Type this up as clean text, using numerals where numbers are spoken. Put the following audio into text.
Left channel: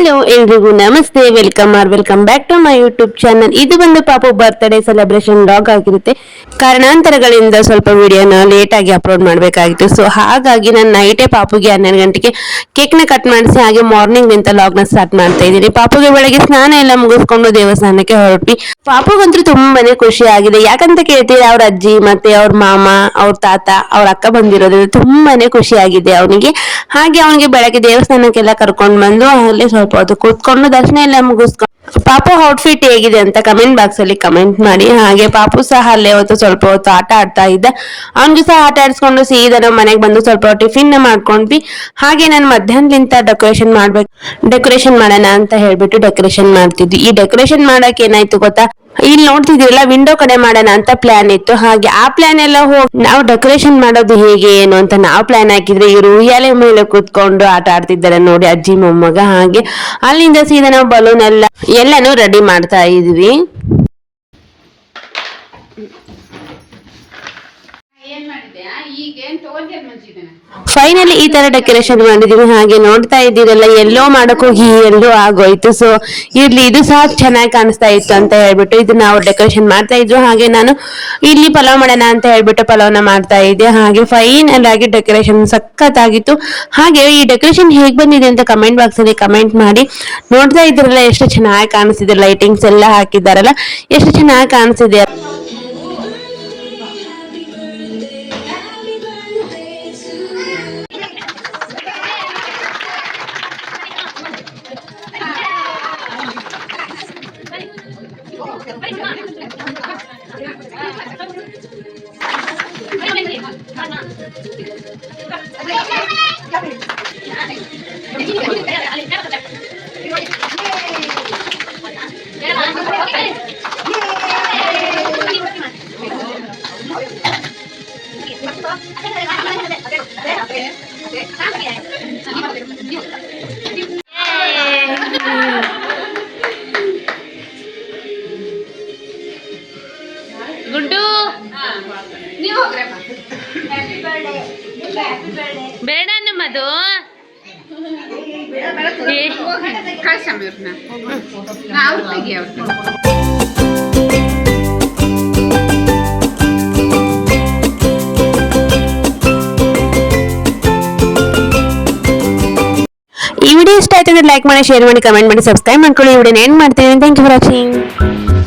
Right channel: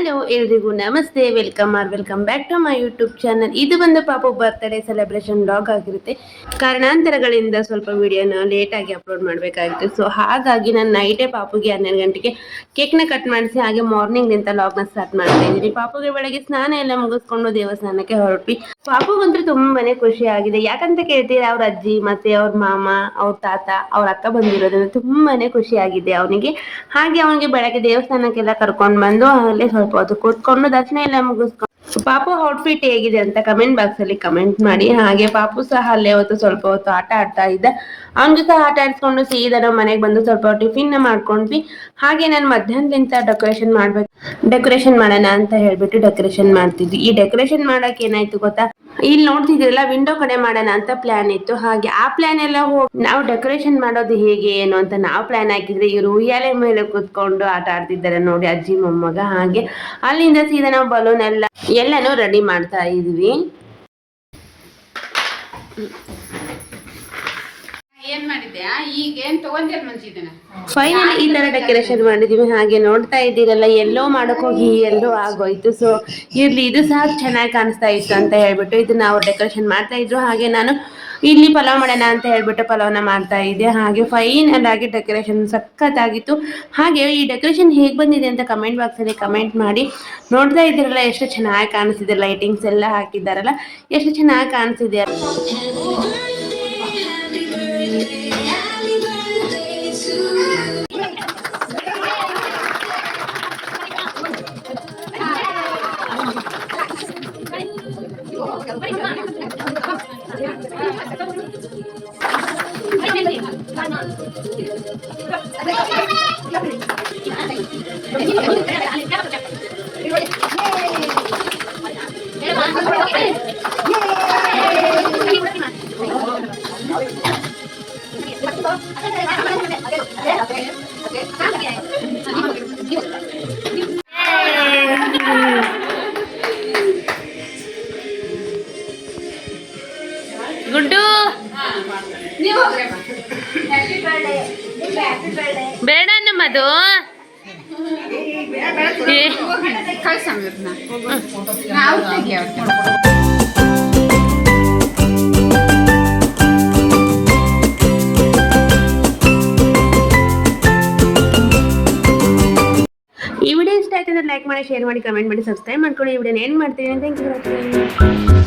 Hello ಎಲ್ರಿಗೂ ನಮಸ್ತೆ, welcome back to my YouTube channel. ಇದು ಬಂದು ಪಾಪು ಬರ್ತ್ಡೇ ಸೆಲೆಬ್ರೇಷನ್ ವ್ಲಾಗ್ ಆಗಿರುತ್ತೆ. ಕಾರಣಾಂತರಗಳಿಂದ ಸ್ವಲ್ಪ ವಿಡಿಯೋನ ಲೇಟ್ ಆಗಿ ಅಪ್ಲೋಡ್ ಮಾಡಬೇಕಾಗಿತ್ತು. ಸೊ ಹಾಗಾಗಿ ನಾನು ನೈಟೇ ಪಾಪುಗೆ 12 ಗಂಟೆಗೆ ಕೇಕ್ನ ಕಟ್ ಮಾಡಿಸಿ ಹಾಗೆ ಮಾರ್ನಿಂಗ್ ನಿಂತ ಲಾಗ್ನ ಸ್ಟಾರ್ಟ್ ಮಾಡ್ತಾ ಇದ್ದೀನಿ. ಪಾಪುಗೆ ಬೆಳಗ್ಗೆ ಸ್ನಾನ ಎಲ್ಲ ಮುಗಿಸ್ಕೊಂಡು ದೇವಸ್ಥಾನಕ್ಕೆ ಹೊರಟ್ವಿ. ಪಾಪುಗಂತೂ ತುಂಬಾನೇ ಖುಷಿ ಆಗಿದೆ. ಯಾಕಂತ ಕೇಳ್ತೀರಾ, ಅವ್ರ ಅಜ್ಜಿ ಮತ್ತೆ ಅವ್ರ ಮಾಮ, ಅವ್ರ ತಾತ, ಅವ್ರ ಅಕ್ಕ ಬಂದಿರೋದ್ರಿಂದ ತುಂಬಾನೇ ಖುಷಿ ಆಗಿದೆ ಅವನಿಗೆ. ಹಾಗೆ ಅವನಿಗೆ ಬೆಳಗ್ಗೆ ದೇವಸ್ಥಾನಕ್ಕೆಲ್ಲ ಕರ್ಕೊಂಡು ಬಂದು ಅಲ್ಲೇ ಸ್ವಲ್ಪ ಹೊತ್ತು ಕೂತ್ಕೊಂಡು ದರ್ಶನ ಎಲ್ಲ ಮುಗಿಸ್ಕೊಂಡು ಪಾಪು ಔಟ್ಫಿಟ್ ಹೇಗಿದೆ ಅಂತ ಕಮೆಂಟ್ ಬಾಕ್ಸ್ ಅಲ್ಲಿ ಕಮೆಂಟ್ ಮಾಡಿ. ಹಾಗೆ ಪಾಪು ಸಹ ಅಲ್ಲೇ ಹೊತ್ತು ಸ್ವಲ್ಪ ಹೊತ್ತು ಆಟ ಆಡ್ತಾ ಇದ್ದ. ಅವನಿಗೂ ಸಹ ಆಟ ಆಡಿಸ್ಕೊಂಡು ಸೀದಾ ನಮ್ಮ ಮನೆಗೆ ಬಂದು ಸ್ವಲ್ಪ ಟಿಫಿನ್ ಮಾಡ್ಕೊಂಡ್ವಿ. ಹಾಗೆ ನಾನು ಮಧ್ಯಾಹ್ನದಿಂದ ಡೆಕೋರೇಷನ್ ಮಾಡೋಣ ಅಂತ ಹೇಳ್ಬಿಟ್ಟು ಡೆಕೋರೇಷನ್ ಮಾಡ್ತಿದ್ವಿ. ಈ ಡೆಕೋರೇಷನ್ ಮಾಡಕ್ ಏನಾಯ್ತು ಗೊತ್ತಾ, ಇಲ್ಲಿ ನೋಡ್ತಿದ್ರಲ್ಲ ವಿಂಡೋ ಕಡೆ ಮಾಡೋಣ ಅಂತ ಪ್ಲಾನ್ ಇತ್ತು. ಹಾಗೆ ಆ ಪ್ಲಾನ್ ಎಲ್ಲ ಹೋಗಿ ನಾವು ಡೆಕೋರೇಷನ್ ಮಾಡೋದು ಹೇಗೆ ಏನು ಅಂತ ನಾವು ಪ್ಲಾನ್ ಹಾಕಿದ್ರೆ ಇವರು ಉಯ್ಯಾಲೆ ಮೇಲೆ ಕೂತ್ಕೊಂಡು ಆಟ ಆಡ್ತಿದ್ದಾರೆ ನೋಡಿ, ಅಜ್ಜಿ ಮೊಮ್ಮಗ. ಹಾಗೆ ಅಲ್ಲಿಂದ ಸೀದಾ ನಾವು ಬಲೂನ್ ಎಲ್ಲಾನು ರೆಡಿ ಮಾಡ್ತಾ ಇದ್ವಿ. ಫೈನಲಿ ಈ ತರ ಡೆಕೋರೇಷನ್ ಮಾಡಿದೀವಿ. ಹಾಗೆ ನೋಡ್ತಾ ಇದ್ದೀರಲ್ಲ, ಎಲ್ಲೋ ಮಾಡಕ್ ಹೋಗಿ ಎಲ್ಲೋ ಆಗೋಯ್ತು. ಸೊ ಇರ್ಲಿ, ಇದು ಸಹ ಚೆನ್ನಾಗಿ ಕಾಣಿಸ್ತಾ ಇತ್ತು ಅಂತ ಹೇಳ್ಬಿಟ್ಟು ಇದು ನಾವು ಡೆಕೋರೇಷನ್ ಮಾಡ್ತಾ ಇದ್ರು. ಹಾಗೆ ನಾನು ಇಲ್ಲಿ ಪಲಾವ್ ಮಾಡೋಣ ಅಂತ ಹೇಳ್ಬಿಟ್ಟು ಪಲಾವ್ನ ಮಾಡ್ತಾ ಇದ್ದೆ. ಹಾಗೆ ಫೈನಲ್ ಆಗಿ ಡೆಕೋರೇಷನ್ ಸಖತ್ತಾಗಿತ್ತು. ಹಾಗೆ ಈ ಡೆಕೋರೇಷನ್ ಹೇಗ್ ಬಂದಿದೆ ಅಂತ ಕಮೆಂಟ್ ಬಾಕ್ಸ್ ಅಲ್ಲಿ ಕಮೆಂಟ್ ಮಾಡಿ. ನೋಡ್ತಾ ಇದ್ರಲ್ಲ ಎಷ್ಟು ಚೆನ್ನಾಗಿ ಕಾಣಿಸ್ತಿದೆ, ಲೈಟಿಂಗ್ಸ್ ಎಲ್ಲ ಹಾಕಿದಾರಲ್ಲ ಎಷ್ಟು ಚೆನ್ನಾಗಿ ಕಾಣಿಸ್ತಿದೆ. ಗುಡ್ಡು ಬೇಡ ನಮ್ಮದು ಈ ವಿಡಿಯೋ ಇಷ್ಟ ಆಯ್ತು ಅಂದ್ರೆ ಲೈಕ್ ಮಾಡಿ, ಶೇರ್ ಮಾಡಿ, ಕಮೆಂಟ್ ಮಾಡಿ, ಸಬ್ಸ್ಕ್ರೈಬ್ ಮಾಡ್ಕೊಳ್ಳಿ. ಈ ವಿಡಿಯೋನ ಎಂಡ್ ಮಾಡ್ತೀನಿ. Thank you for watching.